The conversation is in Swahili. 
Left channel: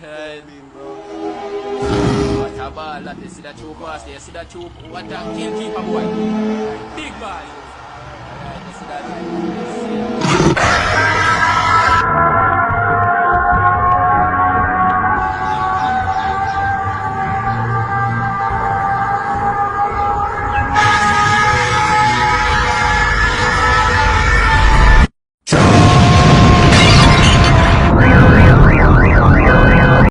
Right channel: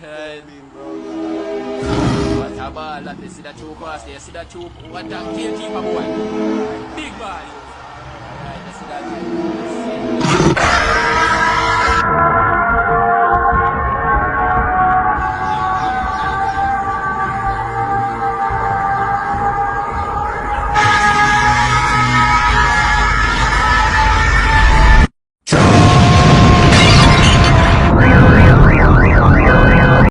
Right. What a ball that you see that choke pass there. See that choke. What that gatekeeper boy. Big boy. Right.